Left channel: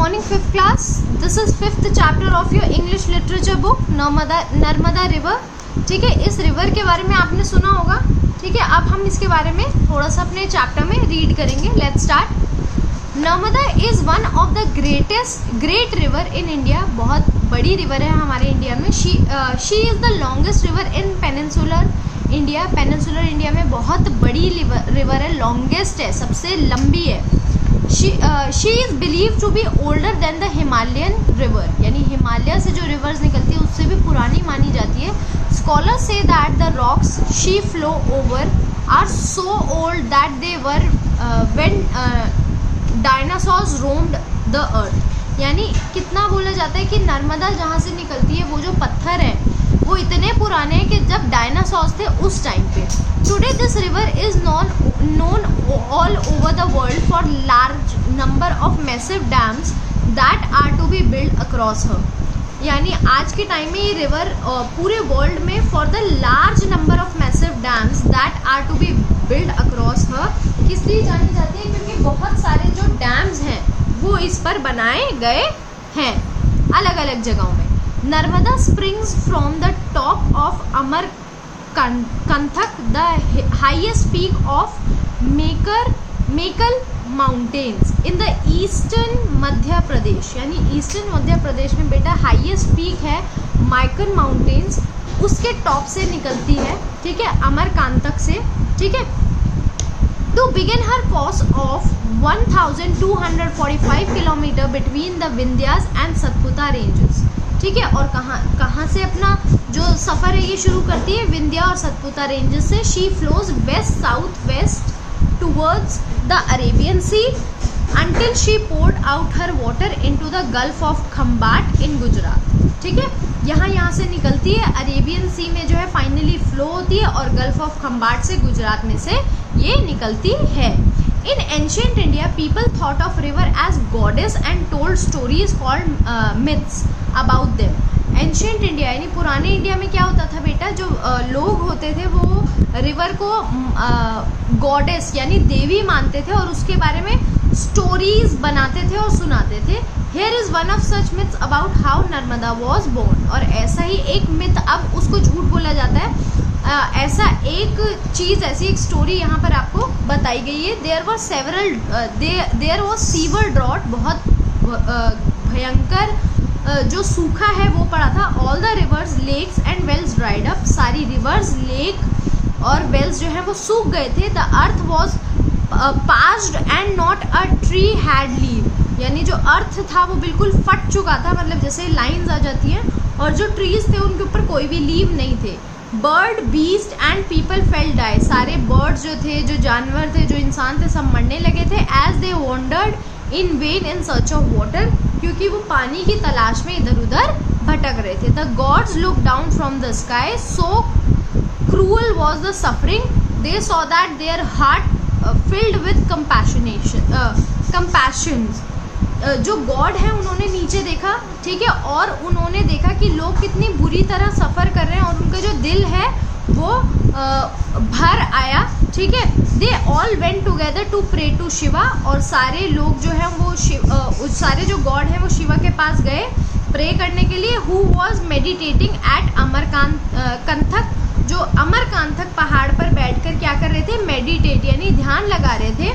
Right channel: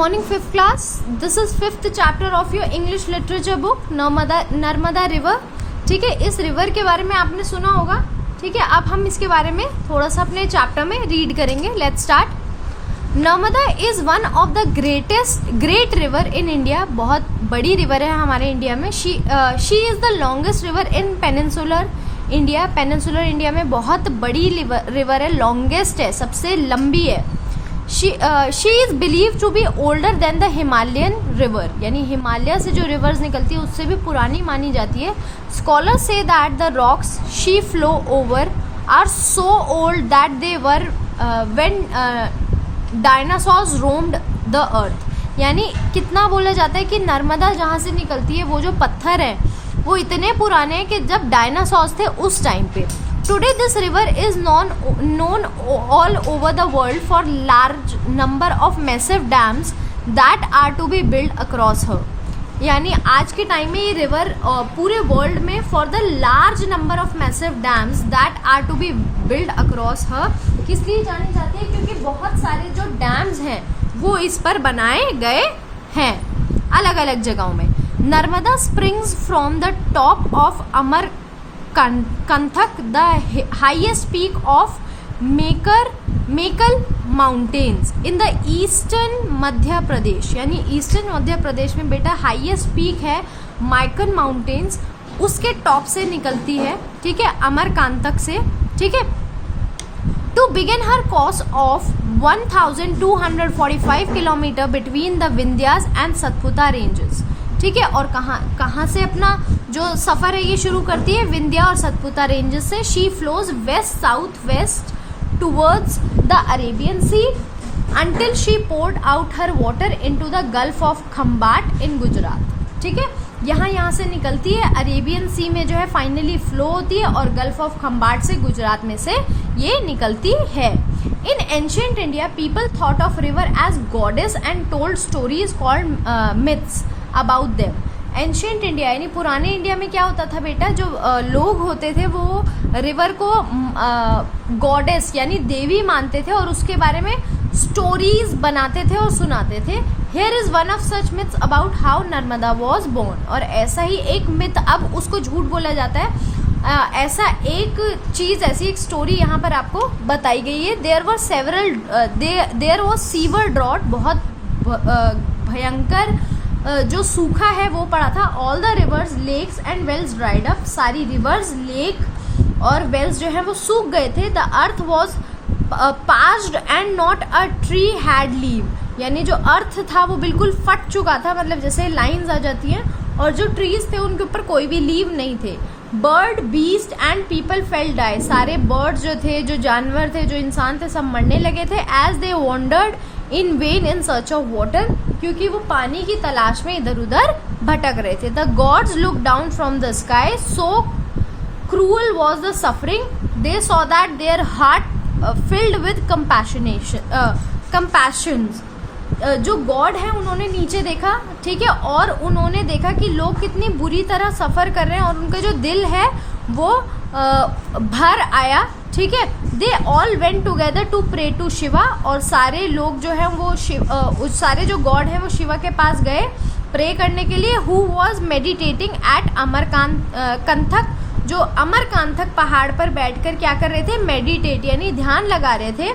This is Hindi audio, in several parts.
morning, 5th class. This is 5th chapter of your English literature book, Narmada river. ठीक है, इस रिवर के बारे में आपने सुना होगा. ठीक है, अब हम इसके बारे में थोड़ा सा अपने चैप्टर में रीड करेंगे. Let's start. Narmada is one of the great river in India. बहुत बड़ी रिवर है हमारे इंडिया में. She is the longest river in peninsular India. Peninsular India में बहुत बड़ी रिवर है, लॉन्गेस्ट है, सबसे लंबी है. She is believe to be older than the Himalayan river. यानी हिमालय से जो रिवर्स निकलती है उससे भी पुरानी मानी जाती है. Scholars say that the rocks she flow over are so old that they were when dinosaurs roamed the earth. यानी कितना बोला जाता है कि नर्मदा जहाँ से निकलती है वो जो पत्थर है वो इतने पुराने हैं कि जब डायनासोर्स थे उस टाइम पे. Today this river is known all over the world for large number of massive dams that are to be build across her. यानी आज के टाइम में ये रिवर पूरे वर्ल्ड में for the large number of massive dams that are to be build across her किस लिए जानी जाती है, क्योंकि बहुत सारे जो डैम्स हैं वो इस पर बनाए गए हैं अलग अलग जगहों में. Narmada springs from the top of Amarkantak, the highest peak of Mekal Mountains in the eastern Madhya Pradesh. यानी ईस्टर्न मध्य प्रदेश में बेटा हाईएस्ट पीक है माइकन माउंटेन्स, उसके टॉप से निकलती है. ठीक है, अमरकांतक से. ठीक है, to begin her course of 1245 kilometre between the Vindhyas and Satpura ranges. ठीक है, और कहाँ से अपना जो सफ़र है ये शुरू करती है, विंध्या और सतपुरा रेंजेस से. She flows west south west towards the Arabian sea until she poured out her water into the gulf of Khambhat in Gujarat. ठीक है, यहाँ से निकलती है, अरेबियन सी में जो है फाइनली फ्लो होती है और गल्फ ऑफ खम्बाट से गुजरात में से ये निकलती है. In ancient India, people thought of river as goddess and told stories called myths about them. Ancient India यानी पुराने इंडिया में क्या होता था बेटा, जो लोग होते थे वो रिवर को गॉडेस यानी देवी मानते थे और उसके बारे में स्टोरीज बनाते थे और सुनाते थे. Here is one of such myths about how Narmada was born. और ऐसा ही एक मिथ, अब उसको झूठ बोला जाता है, ऐसा एक चीज़, ऐसी एक स्टोरी यहाँ पर आपको बताई गई है. There was severe drought. बहुत भयंकर जो सूखा है वो पड़ा था. All the rivers lakes and wells dried up. सारी रिवर्स लेक और वेल्स जो है वो सूख गए थे. The earth was parched and not a tree had leave. यानी जो अर्थ था वो बिल्कुल फट चुका था, मतलब जैसे लाइंस आ जाती हैं, और जो ट्रीज थे उनके ऊपर कोई भी लीव नहीं थे. Bird beast and people fell die. सारे बर्ड्स जो थे, जो जानवर थे, जो इंसान थे, सब मरने लगे थे. As they wandered in vain in search of water, क्योंकि वो पानी की तलाश में इधर उधर भटक रहे थे. The gods look down from the sky, so cruel was the suffering. They saw that their heart filled with compassions. जो गॉड है उन्होंने नीचे देखा. ठीक है, और उन्होंने देखा कि लोग कितनी बुरी तरह सफ़र कर रहे हैं और उनका जो दिल है वो भर आया. ठीक है, they all went together to pray to Shiva. और सारे लोग जो हैं वो सारे जो गॉड हैं वो शिवा के पास गए प्रे करने के लिए. Who was meditating at Amarkantak. जो अमरकांथक पहाड़ पर बैठकर क्या कर रहे थे, मेडिटेट यानी ध्यान लगा रहे थे.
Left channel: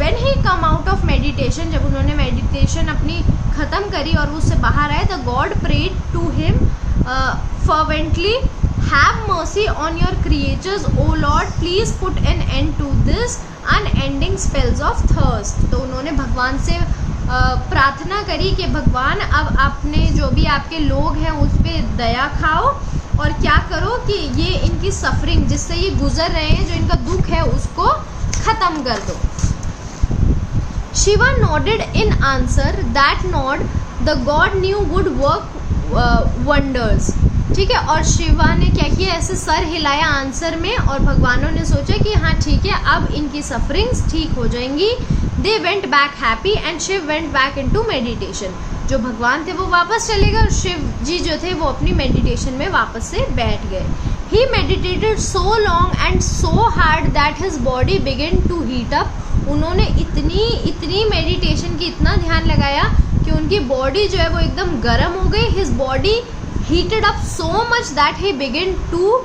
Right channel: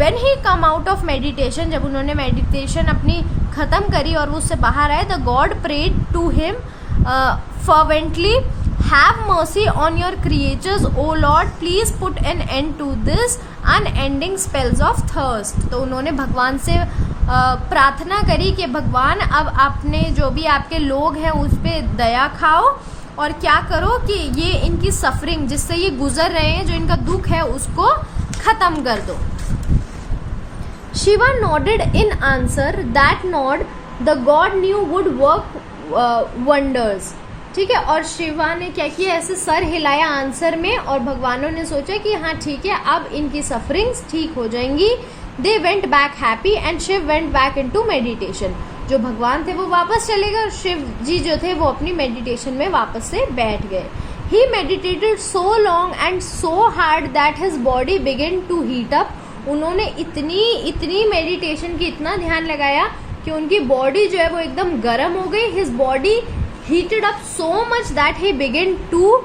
When he come out of meditation, जब उन्होंने मेडिटेशन अपनी ख़त्म करी और वो उससे बाहर आए, the God prayed to him fervently, have mercy on your creatures, O Lord, please put an end to this unending spells of thirst. तो उन्होंने भगवान से प्रार्थना करी कि भगवान अब आपने जो भी आपके लोग हैं उस पर दया खाओ और क्या करो कि ये इनकी सफरिंग जिससे ये गुजर रहे हैं, जो इनका दुख है उसको ख़त्म कर दो. Shiva nodded in answer. That nod the god knew would work wonders. ठीक है, और शिवा ने क्या किया, ऐसे सर हिलाया आंसर में, और भगवानों ने सोचा कि हाँ ठीक है अब इनकी सफरिंग्स ठीक हो जाएंगी. They went back happy and Shiv went back into meditation. जो भगवान थे वो वापस चले गए और शिव जी जो थे वो अपनी मेडिटेशन में वापस से बैठ गए. He meditated so long and so hard that his body began to heat up. उन्होंने इतनी मेडिटेशन की, इतना ध्यान लगाया कि उनकी बॉडी जो है वो एकदम गर्म हो गई. His body heated up so much that he begin to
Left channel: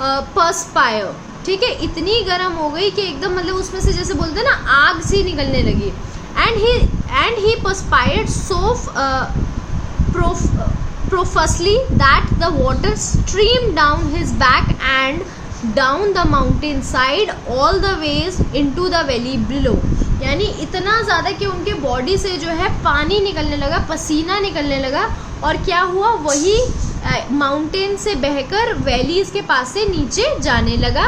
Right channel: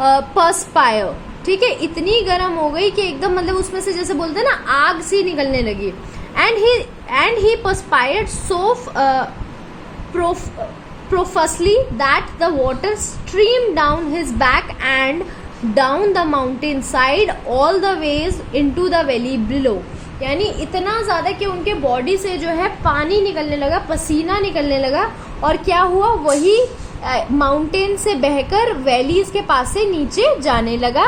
perspire. ठीक है, इतनी गर्म हो गई कि एकदम मतलब उसमें से जैसे बोलते हैं ना आग सी निकलने लगी. And he perspired so profusely that the water streamed down his back and down the mountain side all the ways into the valley below. यानी इतना ज़्यादा कि उनके बॉडी से जो है पानी निकलने लगा, पसीना निकलने लगा, और क्या हुआ, वही माउंटेन से बहकर वैलीज के पास से नीचे जाने लगा.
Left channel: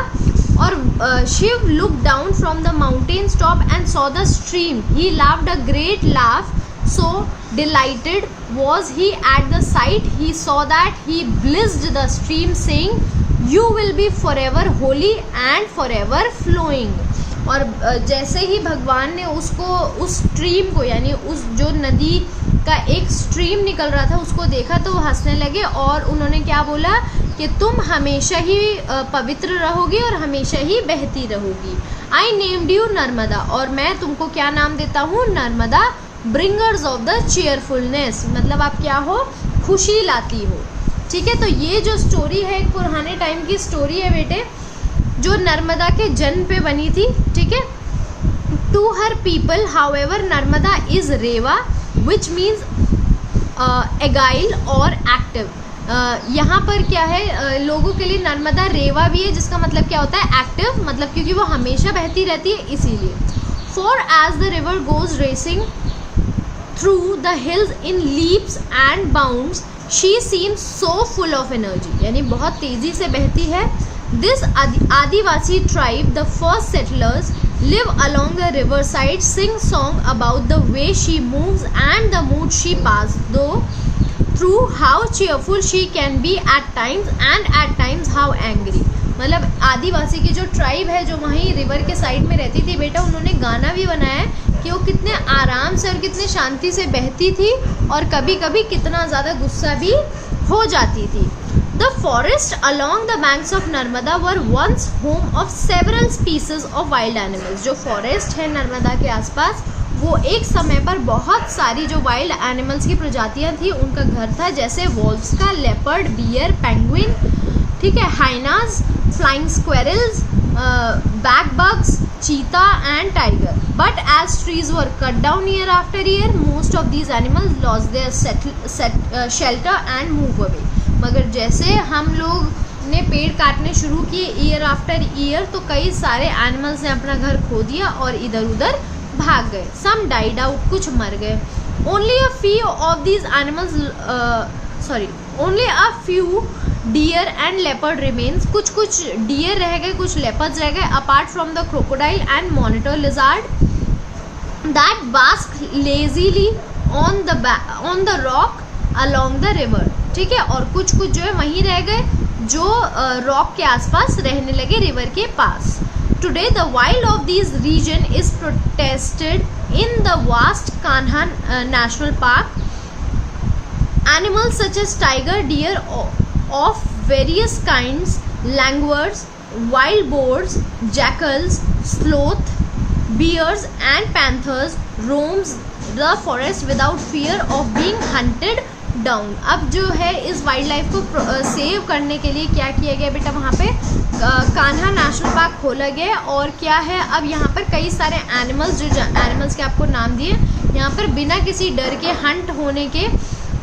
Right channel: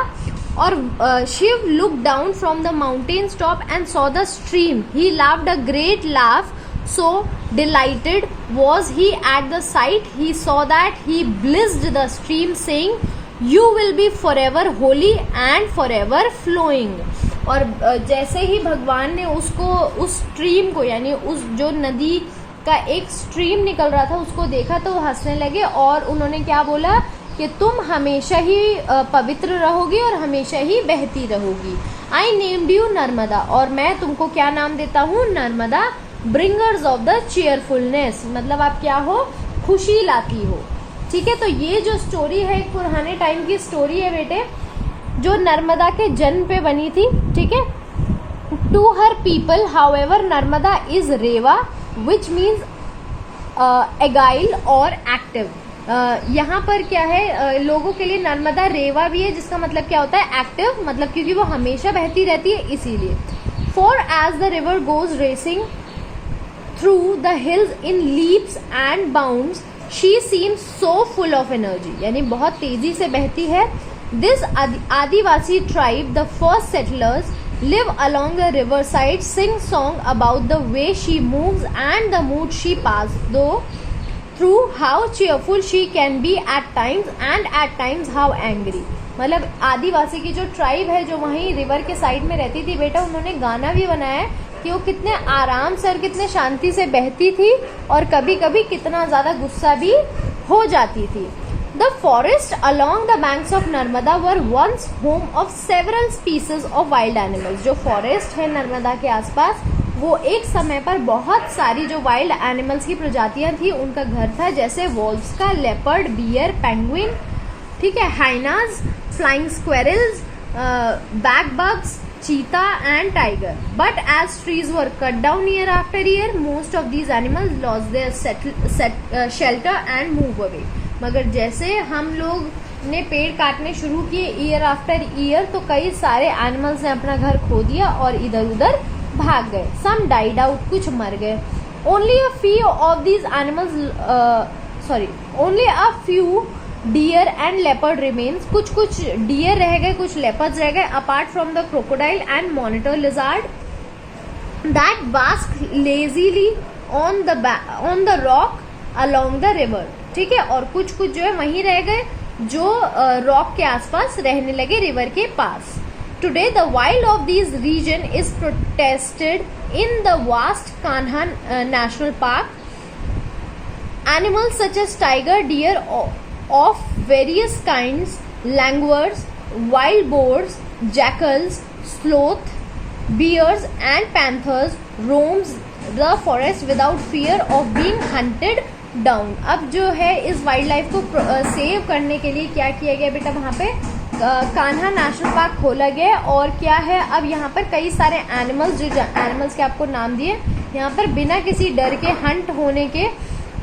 और Shiva look down from the mountain top and saw the stream. He laughed a great laugh. So delighted was he at the sight, he saw that he blessed the stream, saying, "You will be forever holy and forever flowing." और जैसे ही भगवान ने उसको, उस स्ट्रीम को, यानी उस जो नदी का एक स्ट्रीम निकल रहा था, उसको देखा तो वो हंसने लगे. और उन्होंने क्या बोला कि तुम हमेशा ही पवित्र रहोगी और हमेशा ही बहती रहोगी. I named you Narmada. और मैं तुमको क्या नाम देता हूँ? Narmada. Bringers of the cheerfulness, मतलब आप क्या हो? खुशी लाती हो. ठीक है, तो ये जो स्टोरी है एक पुराने टाइम की स्टोरी है बेटे, जो नर्मदा के जन्म पे बनी थी. ठीक है, to her people however Narmada is Reva which means agile और एक्टिव. यहाँ पर क्या है, लोगों के लिए नर्मदा रेवा भी है, जिसका मतलब क्या होता है? एक्टिव, मतलब क्योंकि वो हमेशा बहती रहती है इसीलिए. For as the river goes racing through the hills in leaps and bounds, she seems so full of energy. यानी बहुत तेजी से बहती है. This Adivasi tribe, the first settlers, live along the river side, sing song about the way she moves and the mood she passes through, how cheerful she can be at times and at times how angry. मतलब आदिवासी की जो ट्राइब है, जो वहीं रिवर के साइड में रहती थी बेटा, उन्होंने गाना भी बनाया है कि वो कितने आराम से और कितने शांति से बहती थी और कभी कभी कितना ज़्यादा गुस्सा भी हो जाती थी. The forest along the banks of Narmada were once home of several species of wild animals. जो फॉरेस्ट है नर्मदा के आसपास, वो एक समय पर बहुत सारी जो वाइल्ड एनिमल्स की प्रजातियां थी उनका घर था, जैसे वॉल्व्स का, लेपर्ड, बियर, पेंगुइन, ठीक है, hyenas, flying squirrels, bedbugs, cheetah and tiger. But as trees were cut down year after year, most of these animals lost their shelter and move away. मगर जैसे हम लोग ने पेड़ काटने शुरू किए ईयर आफ्टर ईयर, तो कई सारे एनिमल्स ने अपना घर खो दिया और इधर उधर भाग गए. Some died out, कुछ मर गए. Only a few of these animals, only a few deer and leopard remains. कुछ डियर रह गए, कुछ लेपर्ड्स रह गए. Apart from the crocodile and monitor lizard that bask lazily on the rock along the river. ठीक है, और कुछ जो है वहीं रह गए जो रॉक के आसपास रहने लगे, रिवर के पास. Today the wild of this region is protected in the vast Kanha national park. Animals such as tiger, deer of various kinds, langurs, wild boars, jackals, sloth, bears and panthers roams the forest without fear of being hunted down. अब जो है इस वाइल्ड लाइफ को सेव करने के लिए क्या किया गया बेटा, वहाँ पे कान्हा नेशनल पार्क खोला गया. और क्या है, अब यहाँ पर कई सारे एनिमल्स, जो एनिमल्स के आपको नाम दिए, यहाँ पर बिना किसी डर के हंट होने के.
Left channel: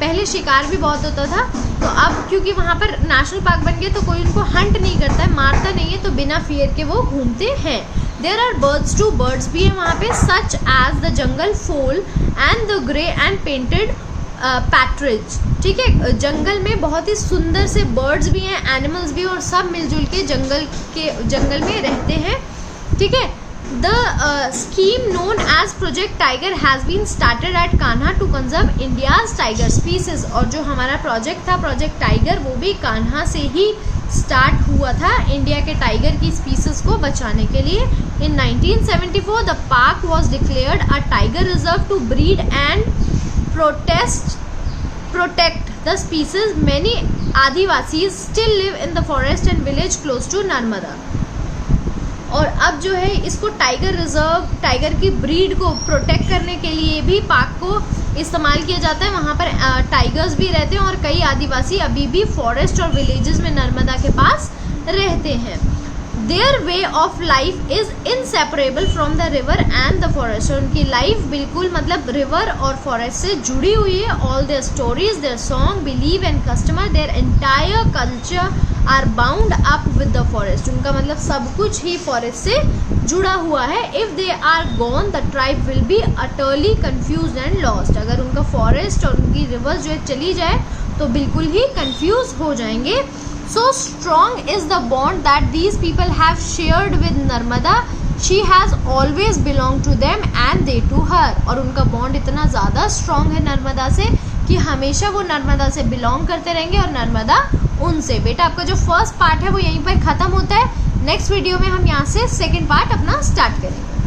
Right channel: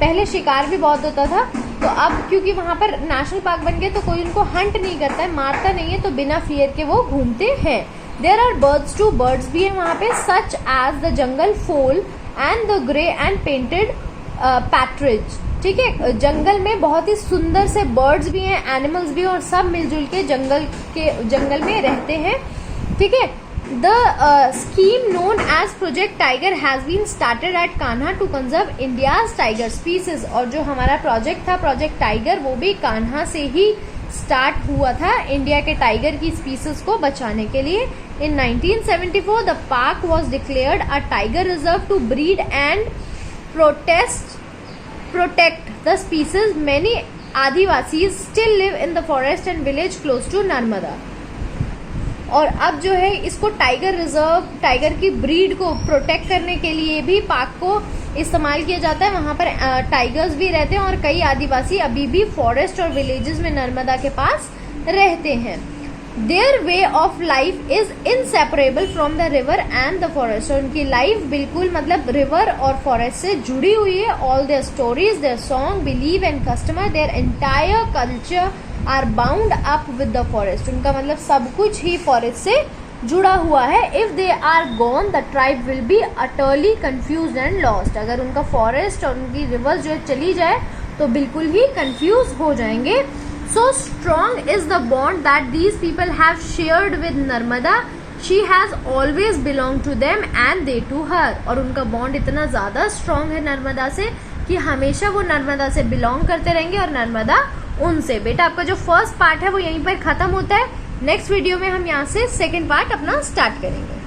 पहले शिकार भी बहुत होता था, तो अब क्योंकि वहाँ पर नेशनल पार्क बन गया तो कोई उनको हंट नहीं करता है, मारता नहीं है, तो बिना फियर के वो घूमते हैं. There are birds too, birds भी हैं वहाँ पे, such as the jungle fowl and the grey and painted partridge. ठीक है, जंगल में बहुत ही सुंदर से बर्ड्स भी हैं, एनिमल्स भी हैं, और सब मिलजुल के जंगल में रहते हैं. ठीक है, The scheme known as Project Tiger has been started at Kanha to conserve India's tiger species. और जो हमारा प्रोजेक्ट था प्रोजेक्ट टाइगर, वो भी कान्हा से ही स्टार्ट हुआ था इंडिया के टाइगर की स्पीसीज को बचाने के लिए. In 1974 the park was declared a tiger reserve to breed and protect the species. Many Adivasis still live in the forest and village close to Narmada. और अब जो है इसको टाइगर रिजर्व, टाइगर की ब्रीड को प्रोटेक्ट करने के लिए भी पार्क को इस्तेमाल किया जाता है। वहाँ पर टाइगर्स भी रहते हैं और कई आदिवासी अभी भी फॉरेस्ट और विलेजेस में नर्मदा के पास रहते हैं। Their way of life is inseparable from the river and the forest. और उनकी लाइफ बिल्कुल मतलब रिवर और फॉरेस्ट से जुड़ी हुई है। All their stories, their song, believe and customer, their entire culture are bound up with the forest. उनका मतलब सब कुछ ही फॉरेस्ट से जुड़ा हुआ है। If they are gone the tribe will be utterly confuse and lost. अगर उनका फॉरेस्ट और उनकी रिवर जो है चली जाए तो बिल्कुल ही कन्फ्यूज हो जाएंगे। So strong is the bond that these people have shared with Narmada. She has always belonged to them and they to her. और उनका बॉन्ड इतना ज़्यादा स्ट्रॉन्ग है नर्मदा से कि हमेशा वो नर्मदा से बिलोंग करते रहेंगे और नर्मदा उनसे। बेटा आपका जो फर्स्ट पार्ट है वो यहीं पर ख़त्म होता है। नेक्स्ट वीडियो में हम यहाँ से सेकेंड पार्ट अपना स्टार्ट करेंगे।